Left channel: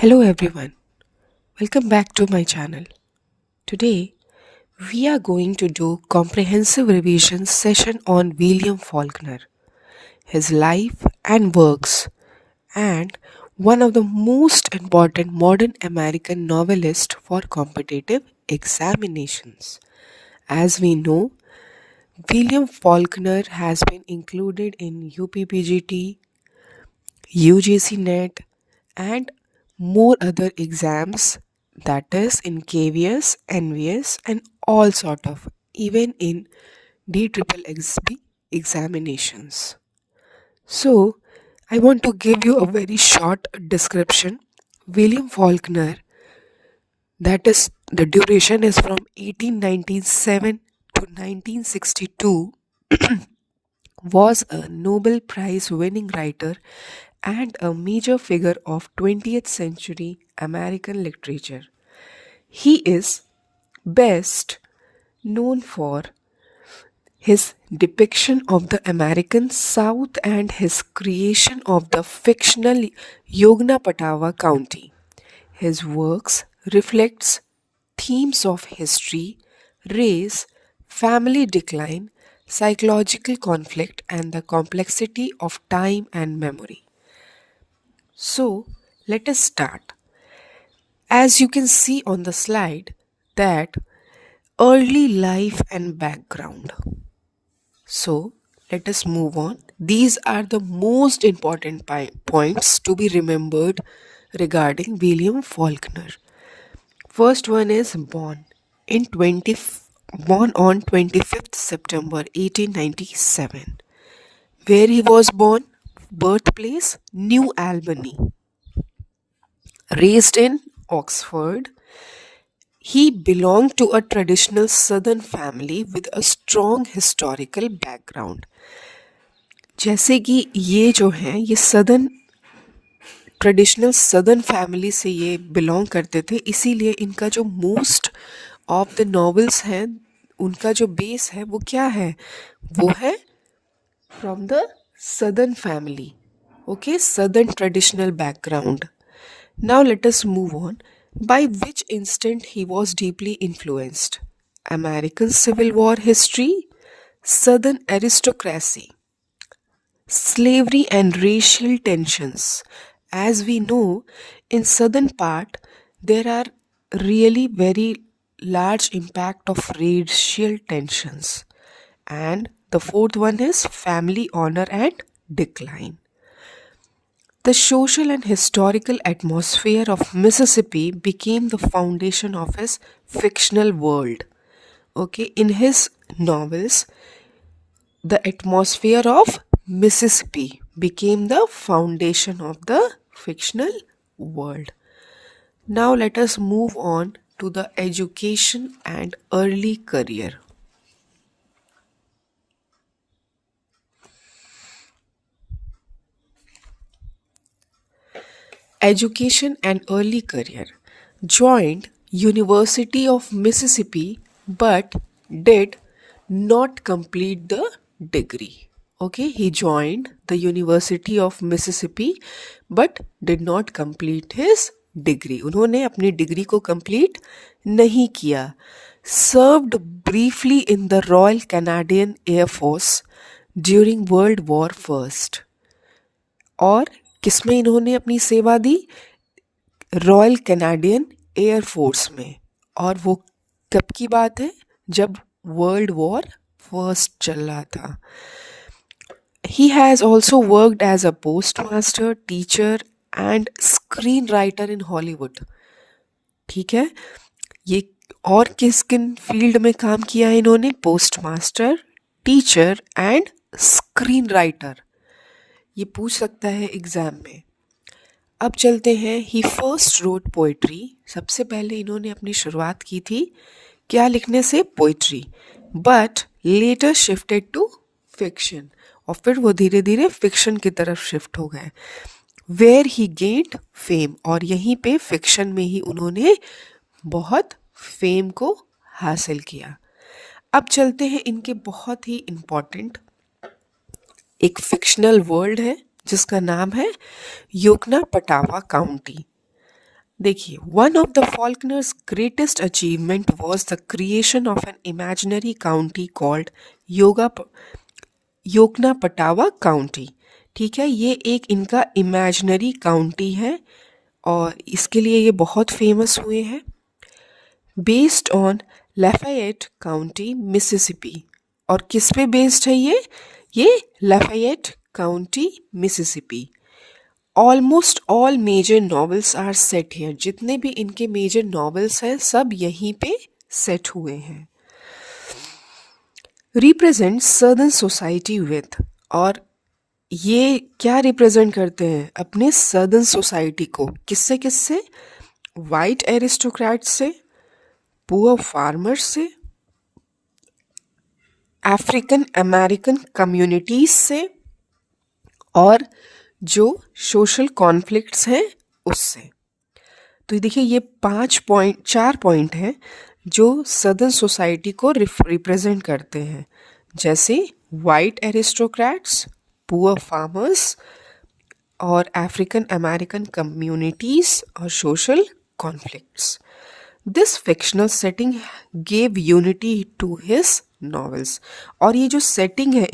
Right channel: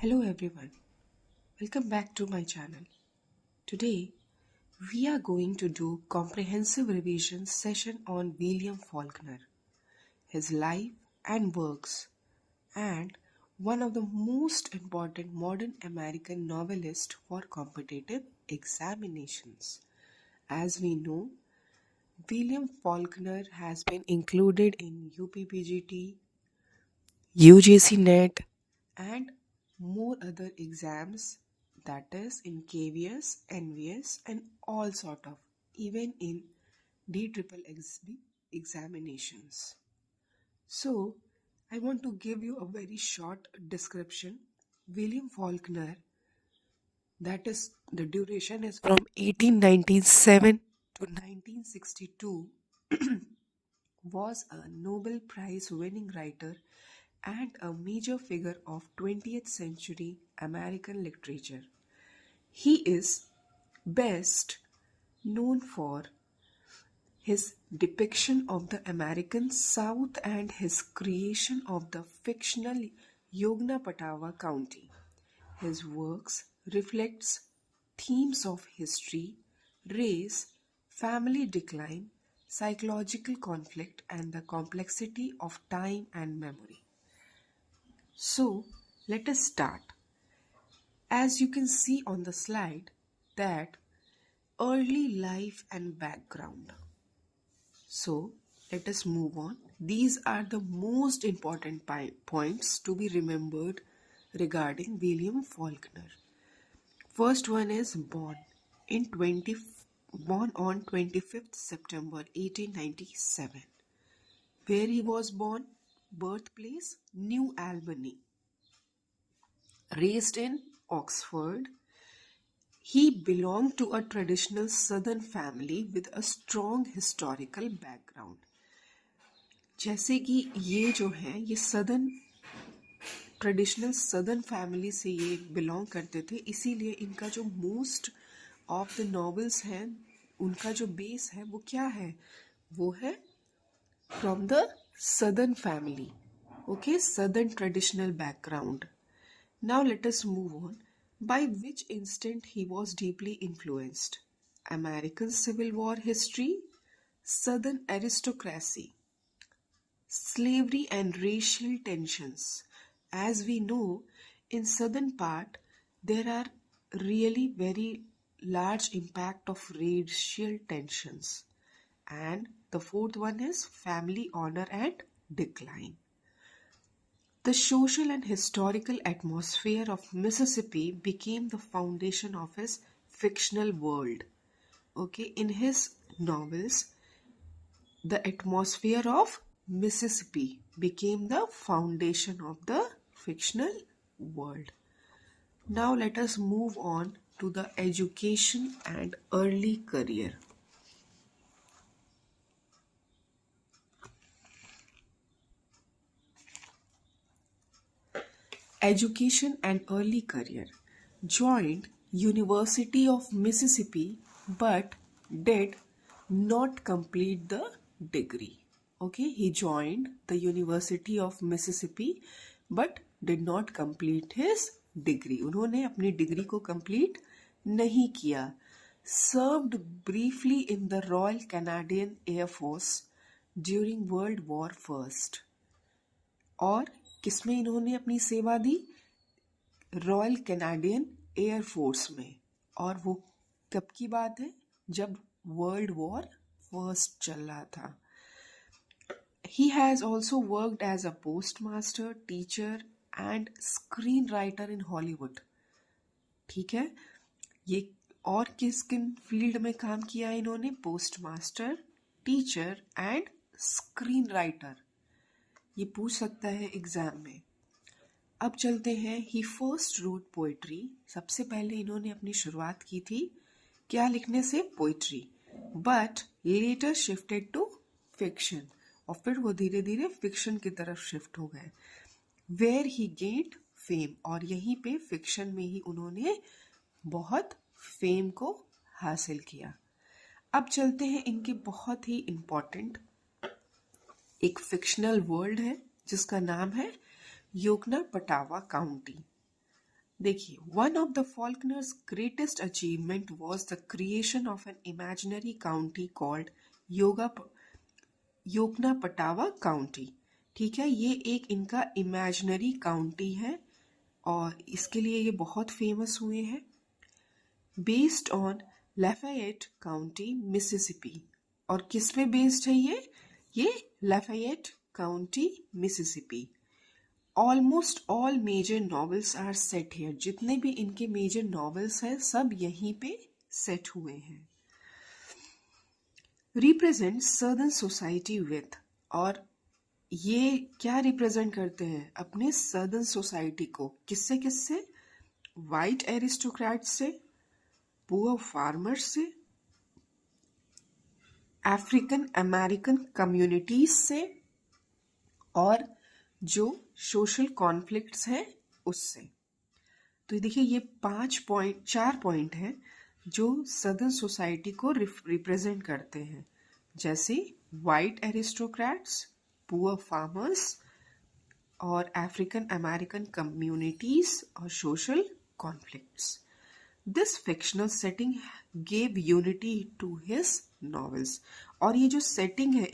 Hello everyone, welcome back to my channel. Today we are going to do comprehensive revision session on William Faulkner, his life and works, and one of the most important modern American novelists for competitive examinations. As we know, William Faulkner has been included in UPPGT, UGC NET, and more other exams, that is in KVS, NVS, and all sort of, even in DXXB examinations. So I want to give you a very short description. William Faulkner, that is the duration is from 1897 to 1962, was a Nobel Prize winning writer and a major figure of 20th century American literature. He is best known for his depiction of the American South and his creation of the fictional Yognapatawa County. His works reflects themes of history, race, family decline, psychological conflict and the complexity of time and memory. So, let us start. As you can see on the slide that early life and background. So, let us move on. These are the most important points to be remembered regarding William Faulkner. First one is in 20 born on 25th September 1897. Where he was born? Birthplace New Albany. Raised in Oxford, he belonged to a traditional southern family with a strong historical background. जैसे कि ये जो हैं ये traditional southern family से ये belong करते थे, इसीलिए इनका जो मोस्ट ऑफ द नॉवेल्स हैं उनका जो बेस है वो क्या है, वो है from the southern family. Okay, southern traditional background. Now let us move on. By which instant he was deeply influenced? American Civil War history, Southern aristocracy, slavery and racial tensions. As we know, in southern part there are really very large impact of racial tensions. And the fourth one is family honor and decline. The social and historical atmosphere of Mississippi became the foundation of his fictional world. Okay, in his novels, the atmosphere of Mississippi became the foundation of the fictional world. Now, let us move on to the education and early career. Education and early career. Joined University of Mississippi but did not complete the degree. Okay, he joined the University of Mississippi but did not complete his degree. उन्होंने अपनी degree को complete नहीं किया. Served briefly in the Royal Canadian Air Force during World War First. और किसमें इन्होंने अपनी सेवा दी? रॉयल कैनेडियन एयर फोर्स में. और वो कब की बात है? जब वर्ल्ड वॉर फर्स्ट चल रहा था. He has also worked as a postmaster, teacher and screenwriter in Hollywood. ठीक है, ये और किस किन फील्ड में काम किया है इन्होंने? Post master, teacher and screen writer. ये पूछ सकता है एग्जाम में. अब चलते हैं. ही फर्स्ट रोट पोइट्री. सबसे पहले इन्होंने अपनी शुरुआत की थी क्या लिखने से? Poetry. But later shifted to fiction. और फिर वो धीरे धीरे फिक्शन की तरफ शिफ्ट हो गए. Where he gained fame. और यहीं पे फिक्शन में ही उन्होंने बहुत फेम को हासिल किया. अब चलते हैं इनके बहुत ही इम्पॉर्टेंट एक फिक्शनल वर्ल्ड है जिसका नाम है योगनापटावा काउंटी. देखिए, one of the Faulkner's greatest achievement was the creation of an imaginary county called yoga Yoknapatawpha county. ठीक है, ये एक इनका इमेजिनरी काउंटी है और इसके लिए ये बहुत फेमस हुए हैं। Based on Lafayette county Mississippi. और किस पे बेस्ड है ये Lafayette county Mississippi. Almost all major novels are set here. जितने भी इनके मेजर नॉवेल्स हैं सब यहीं पे सेट हुए हैं। Represent southern society with. और ये क्या रिप्रेजेंट करते हैं? अपने सर्दन सोसाइटी को। किससे किससे? वाइट एरिस्टोक्रेट से, पुअर फार्मर से, अफ्रीकन अमेरिकन कम्युनिटीज से, और जो सोशल कॉन्फ्लिक्ट्स हैं उससे। तो देखिए, ये 4 पॉइंट हैं जो सदर्न सोसाइटी को रिप्रेजेंट करते हैं, जैसे वाइट एरिस्टोक्रेट्स, पुअर फार्मर्स, और अफ्रीकन अमेरिकन कम्युनिटीज और social conflicts. This fictional setting gave unity to his novels. और ये जो सेटिंग है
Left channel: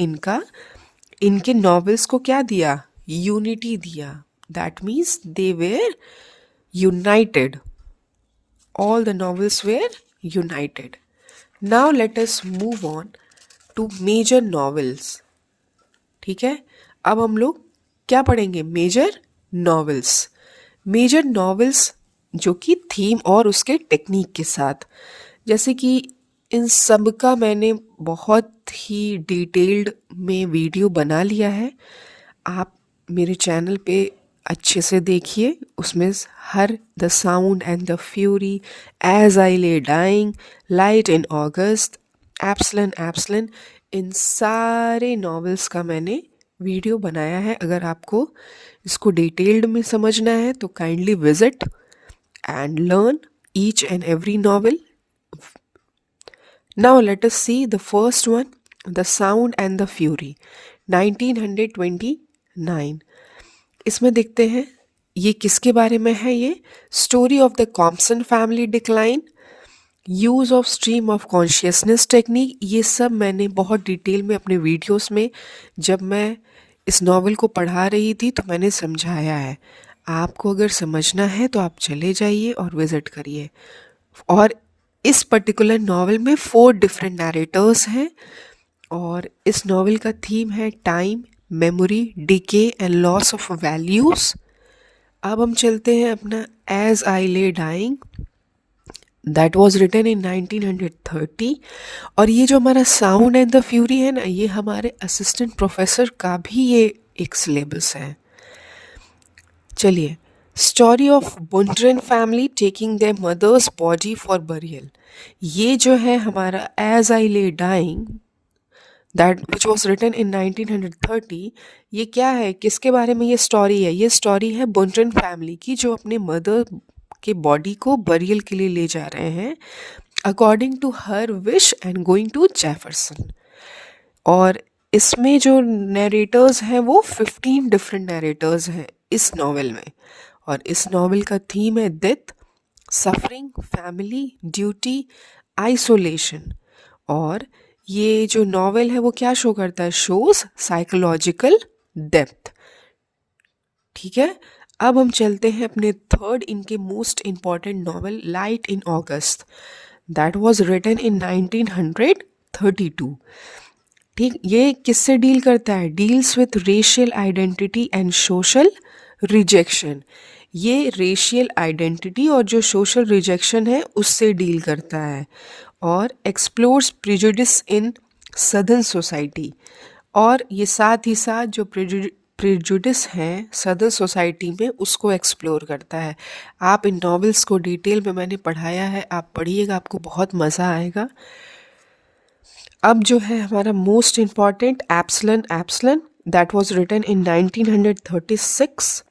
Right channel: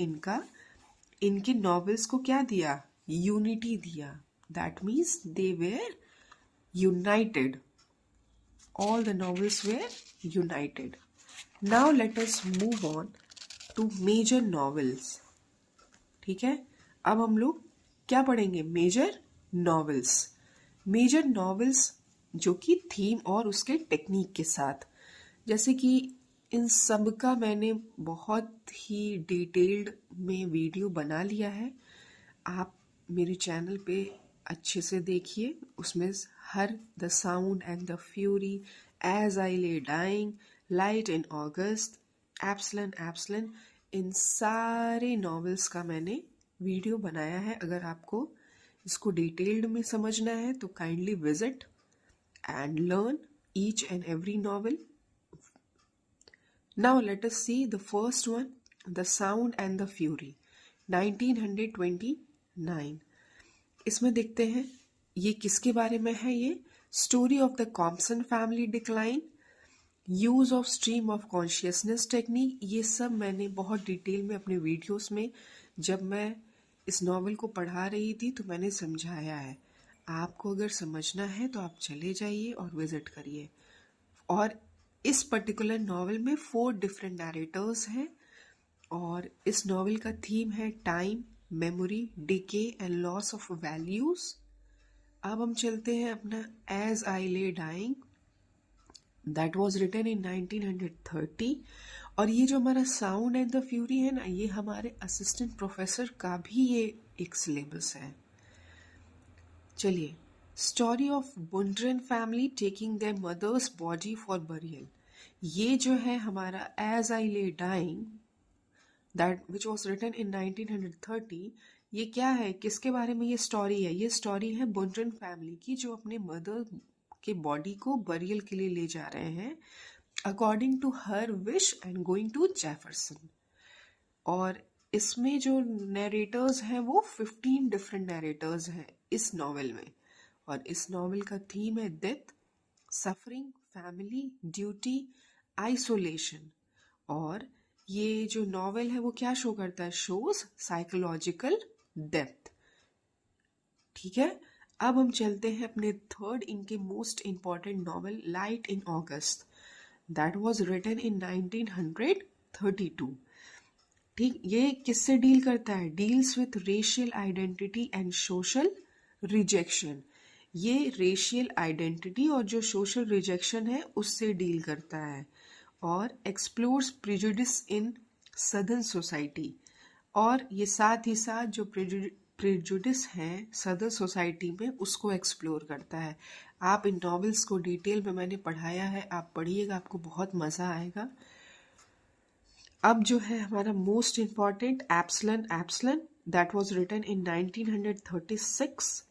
इनके नॉवेल्स को क्या दिया? यूनिटी दिया। That means they were United. All the novels were united. Now let us move on to major novels. ठीक है, अब हम लोग क्या पढ़ेंगे? Major novels. मेजर नॉवेल्स जो कि थीम और उसके टेक्निक के साथ, जैसे कि इन सब का मैंने बहुत ही डिटेल्ड में वीडियो बना लिया है। आप मेरे चैनल पे अच्छे से देखिए, उसमें हर the sound and the fury, as I ले dying, light in August, Absalom, इन सारे नॉवेल्स का मैंने वीडियो बनाया है। अगर आपको इसको डिटेल्ड में समझना है तो kindly visit and learn each and every novel. Now let us see the first one, the sound and the fury, 1929। इसमें देखते हैं ये किसके बारे में है। ये story of the Compson family decline, use of stream of consciousness technique. ये सब मैंने बहुत डिटेल में अपने वीडियोस में, जब मैं इस नॉवल को पढ़ा रही थी तो मैंने समझाया है। आपको अगर समझना है तो आप चले जाइए और विज़िट करिए। और इस पर्टिकुलर नॉवल में 4 डिफरेंट नरेटर्स हैं और इस नॉवल का थीम है time, memory, decay and loss of values. अब हम चलते हैं अपना एज आई ले dying, that was written in 1930। और ये जो हमारा साउंड एंड द फ्यूरी है ना, ये हमारे असिस्टेंट प्रोफेसर का भी ये एक सिलेबस है। चलिए, story of Bundren family taking their mother's body for burial. ये जो है हमारा एज आई ले dying, that which was written in 1930। ये क्या है, किसके बारे में ये स्टोरी है? ये स्टोरी है बुंड्रेन फैमिली की, जो अपने मदर के बॉडी को बरियल के लिए ले जा रहे हैं according to her wish and going to Jefferson. और इसमें जो नरेटर्स हैं वो 15 डिफरेंट नरेटर्स हैं इस नॉवेल में। और इस नॉवेल का थीम है death, suffering, family, duty, isolation. और ये जो नॉवेल है वो क्या शो करता है? Shows psychological depth. ठीक है, अब हम चलते हैं अपने थर्ड इनके most important novel, Light in August, that was written in 1932। ठीक, ये किससे डील करता है? Deals with racial identity and social rejection. ये रेशियल आइडेंटिटी और जो सोशल रिजेक्शन है उससे डील करता है। और explores prejudice in southern society. और ये साथ ही साथ जो प्रिजुडिस हैं सदर्न सोसाइटी में उसको एक्सप्लोर करता है। आप इन नॉवेल्स को डिटेल में मैंने पढ़ाया है, आप पढ़िएगा, आपको बहुत मज़ा आएगा। अब जो है हमारा most important Absalom, that was written in 1936।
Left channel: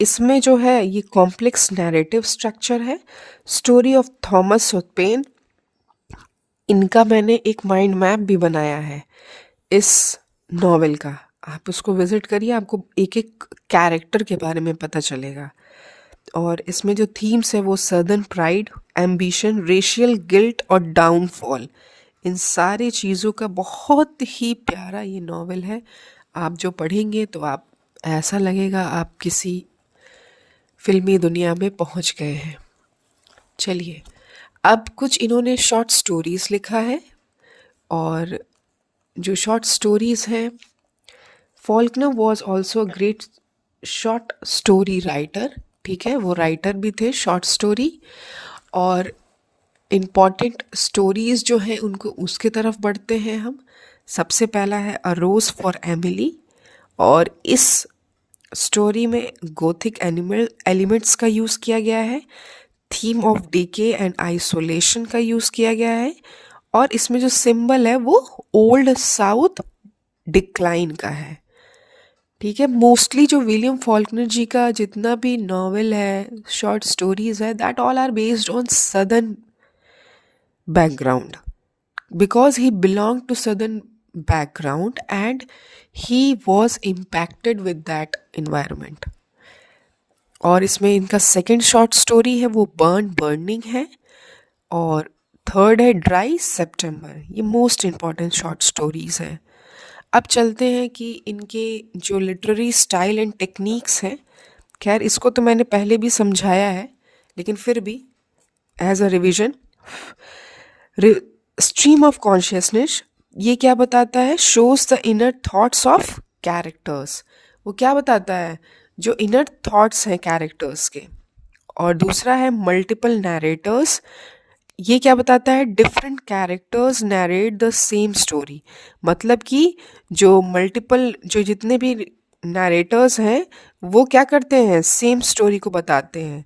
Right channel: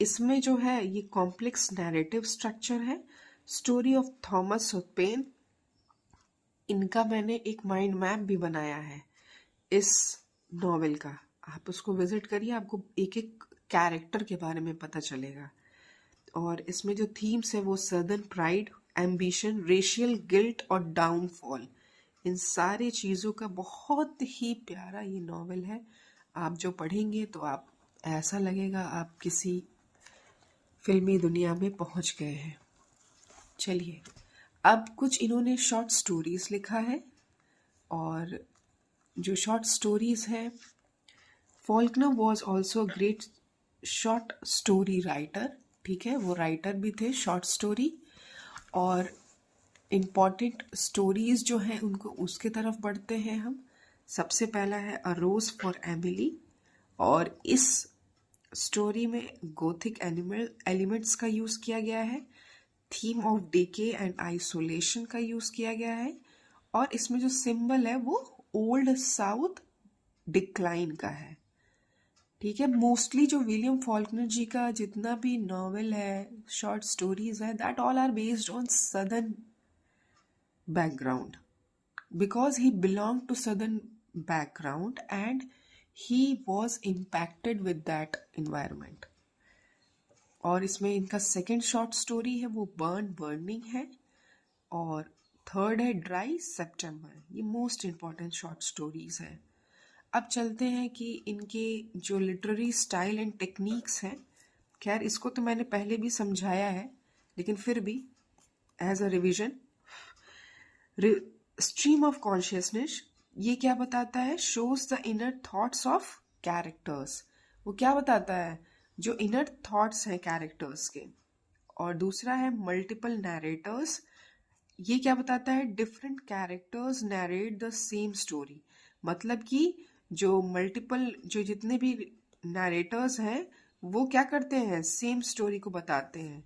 इसमें जो है ये कॉम्प्लेक्स नैरेटिव स्ट्रक्चर है, स्टोरी ऑफ थॉमस पेन। इनका मैंने एक माइंड मैप भी बनाया है इस नॉवेल का, आप उसको विजिट करिए, आपको एक एक कैरेक्टर के बारे में पता चलेगा। और इसमें जो थीम्स है वो southern pride, ambition, racial guilt और डाउनफॉल, इन सारी चीज़ों का बहुत ही प्यारा ये नॉवेल है। आप जो पढ़ेंगे तो आप ऐसा लगेगा आप किसी फिल्मी दुनिया में पहुंच गए हैं। चलिए, अब कुछ इन्होंने शॉर्ट स्टोरीज लिखा है, और जो शॉर्ट स्टोरीज हैं, Faulkner was also great short story writer. ठीक है, वो राइटर भी थे शॉर्ट स्टोरी। और इम्पॉर्टेंट स्टोरीज जो हैं उनको उसके तरफ बढ़ते हैं हम। सबसे पहला है अ रोज फॉर एमिली, और इस स्टोरी में गोथिक एनिमल एलिमेंट्स का यूज़ किया गया है, theme of decay and isolation का यूज़ किया गया है, और इसमें जो सिंबल है वो ओल्ड साउथ डिक्लाइन का है। ठीक है, मोस्टली जो विलियम फॉल्कनर जी का जितना भी नॉवेल है, शॉर्ट स्टोरीज है, that all are based on southern background, because he belonged to southern background and he was impacted with that environment. और इसमें इनका सेकंड शॉर्ट स्टोरी है वो बर्निंग है, और थर्ड है ड्राई सितंबर। ये मोस्ट इम्पॉर्टेंट शॉर्ट स्टोरीज हैं। अब चलते हैं कि इनके जो लिटरेरी स्टाइल एंड टेक्निक्स हैं। खैर, इसको तो मैंने पहले भी समझाया है, लेकिन फिर भी as a revision, stream of consciousness ये क्या बताता है? Shows the inner thoughts of characters. वो क्या बताता है? जो इनर थॉट्स हैं कैरेक्टर्स के। और दूसरा है मल्टीपल नैरेटर्स। ये क्या बताता है? Different characters narrate the same story. मतलब कि जो मल्टीपल, जो जितने भी नैरेटर्स हैं वो क्या करते हैं? सेम स्टोरी को बताते हैं।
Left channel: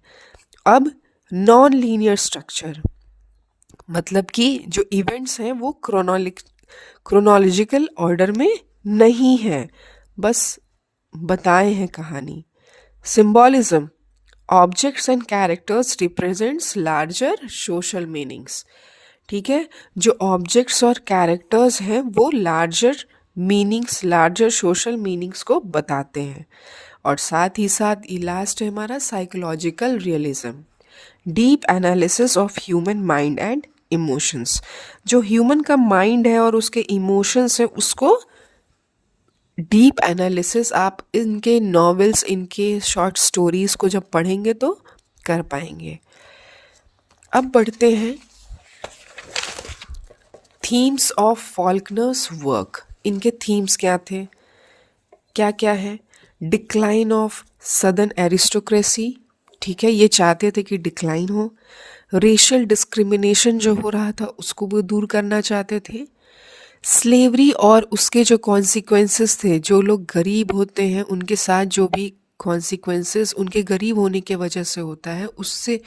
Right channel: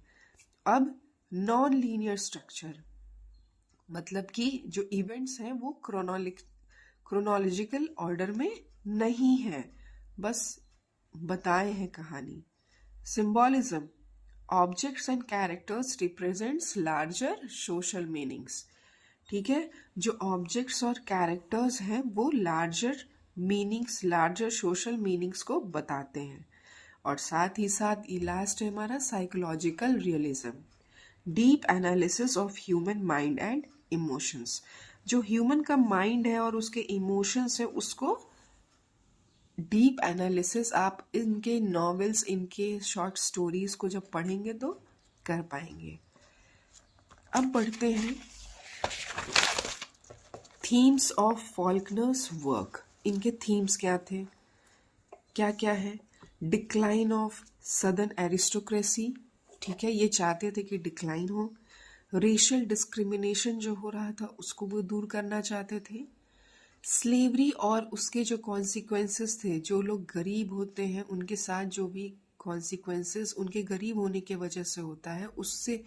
अब नॉन लीनियर स्ट्रक्चर, मतलब कि जो इवेंट्स हैं वो क्रोनोलॉजिकल ऑर्डर में नहीं है, बस बताए हैं कहानी। Symbolism, objects and characters represents larger social meanings. ठीक है, जो ऑब्जेक्ट्स और कैरेक्टर्स हैं वो larger meanings, larger social meanings को बताते हैं। और साथ ही साथ ये लास्ट है हमारा psychological realism, deep analysis of human mind and emotions. जो ह्यूमन का माइंड है और उसके इमोशंस है उसको डीप एनालिसिस आप इनके नॉवेल्स, इनके शॉर्ट स्टोरीज को जब पढ़ेंगे तो कर पाएंगे। अब बढ़ते हैं थीम्स ऑफ फॉल्कनर्स वर्क। इनके थीम्स क्या थे, क्या क्या है? Decline of southern aristocracy. ठीक है, ये चाहते थे कि डिक्लाइन हो। रेशियल डिस्क्रिमिनेशन जो हो रहा था उसको वो दूर करना चाहते थे। स्लेवरी और उसके जो कॉन्सिक्वेंसेस थे, जो लोग गरीब होते हैं उनके साथ जो भी कॉन्सिक्वेंसेस उनके गरीब होने के वजह से होता है, उससे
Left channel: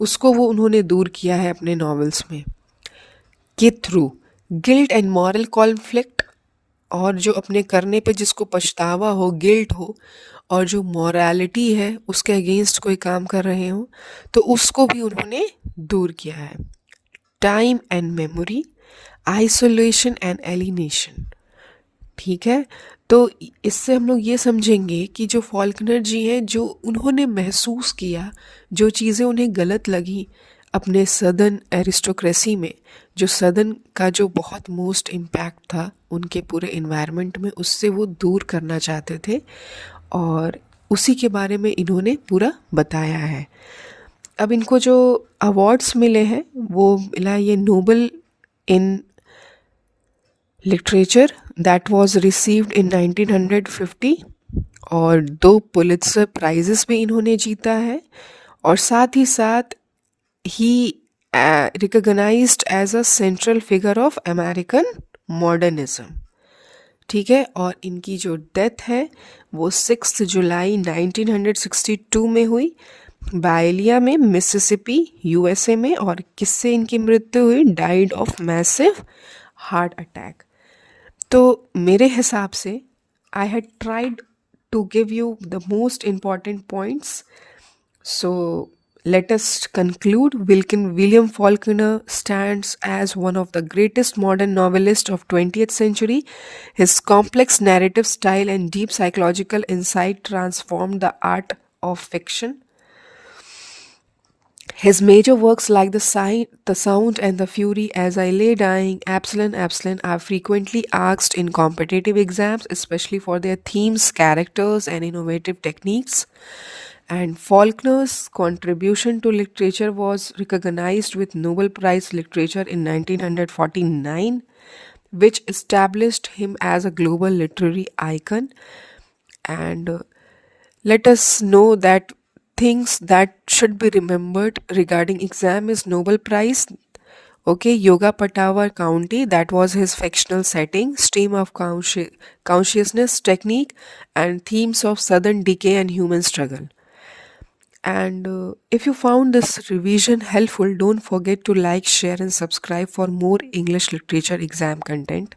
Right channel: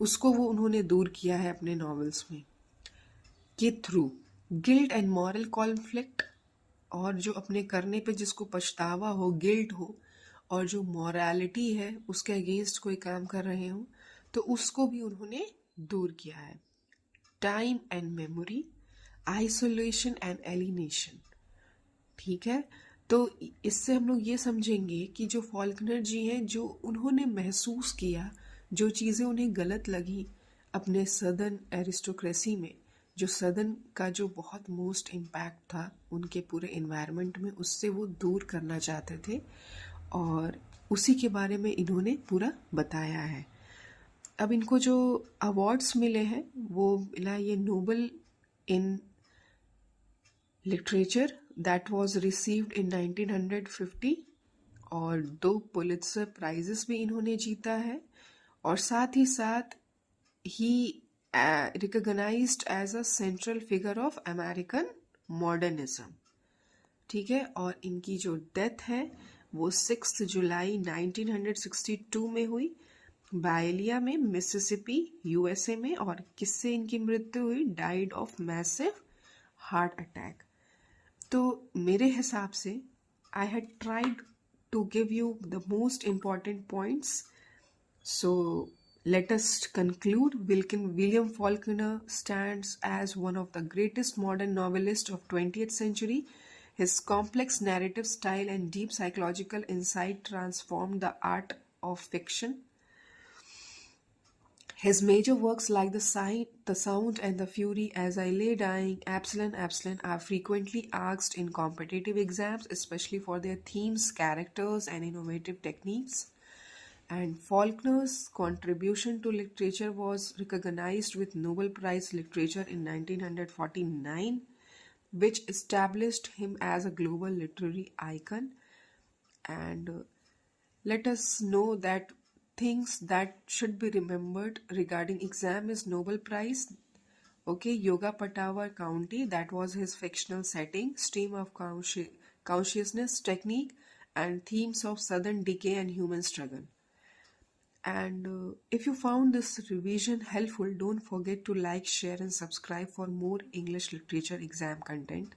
उसको वो उन्होंने दूर किया है अपने नॉवेल्स में के through. Guilt and moral conflict, और जो अपने करने पे जिसको पछतावा हो, गिल्ट हो, और जो मॉरालिटी है उसके अगेंस्ट कोई काम कर रहे हो, तो उसको भी उन्होंने दूर किया है। Time and memory, isolation and alienation. ठीक है, तो इससे हम लोग ये समझेंगे कि जो फॉल्कनर जी हैं, जो उन्होंने महसूस किया, जो चीज़ें उन्हें गलत लगी अपने सदर्न एरिस्टोक्रेसी में, जो सदर्न का जो बहुत मोस्ट इम्पैक्ट था उनके पूरे इन्वायरमेंट में, उससे वो दूर करना चाहते थे, और उसी के बारे में इन्होंने पूरा बताया है। अब इनको जो अवार्ड्स मिले हैं वो मिला ये Nobel in literature that was received in 1950, और 2 पुलित्जर प्राइजेस भी इन्होंने जीता है। और साथ ही साथ ही recognised as a central figure of American modernism. ठीक है, और इनकी जो डेथ है वो 6 जुलाई 1962 में हुई, बायलिया में, मिसिसिपी, यूएसए में। और किससे इनकी मृत्यु हुई? Died of massive heart attack. तो मेरे हिसाब से I had tried to give you the most important points. So let us conclude. William Faulkner stands as one of the greatest modern novelists of 20th century. His complex narrative style and deep psychological insight transformed the art of fiction. His major works like The Sound and the Fury, As I Lay Dying, Absalom, Absalom are frequently asked in competitive exams, especially for their themes, characters, and innovative techniques. And Faulkner's contribution to literature was recognized with Nobel Prize Literature in 1949, which established him as a global literary icon. And let us know that things that should be remembered regarding exam is Nobel Prize. Okay, Yoga Patawar County, that was his fictional setting, stream of consciousness technique, and themes of southern decay and human struggle. And if you found this revision helpful, don't forget to like, share, and subscribe for more English literature exam content.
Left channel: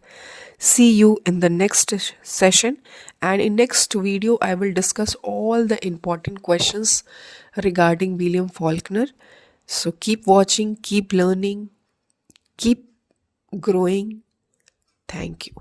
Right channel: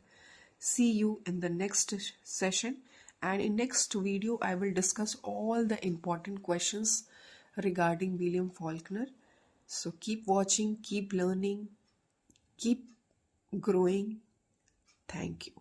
See you in the next session, and in next video I will discuss all the important questions regarding William Faulkner. So keep watching, keep learning, keep growing. Thank you.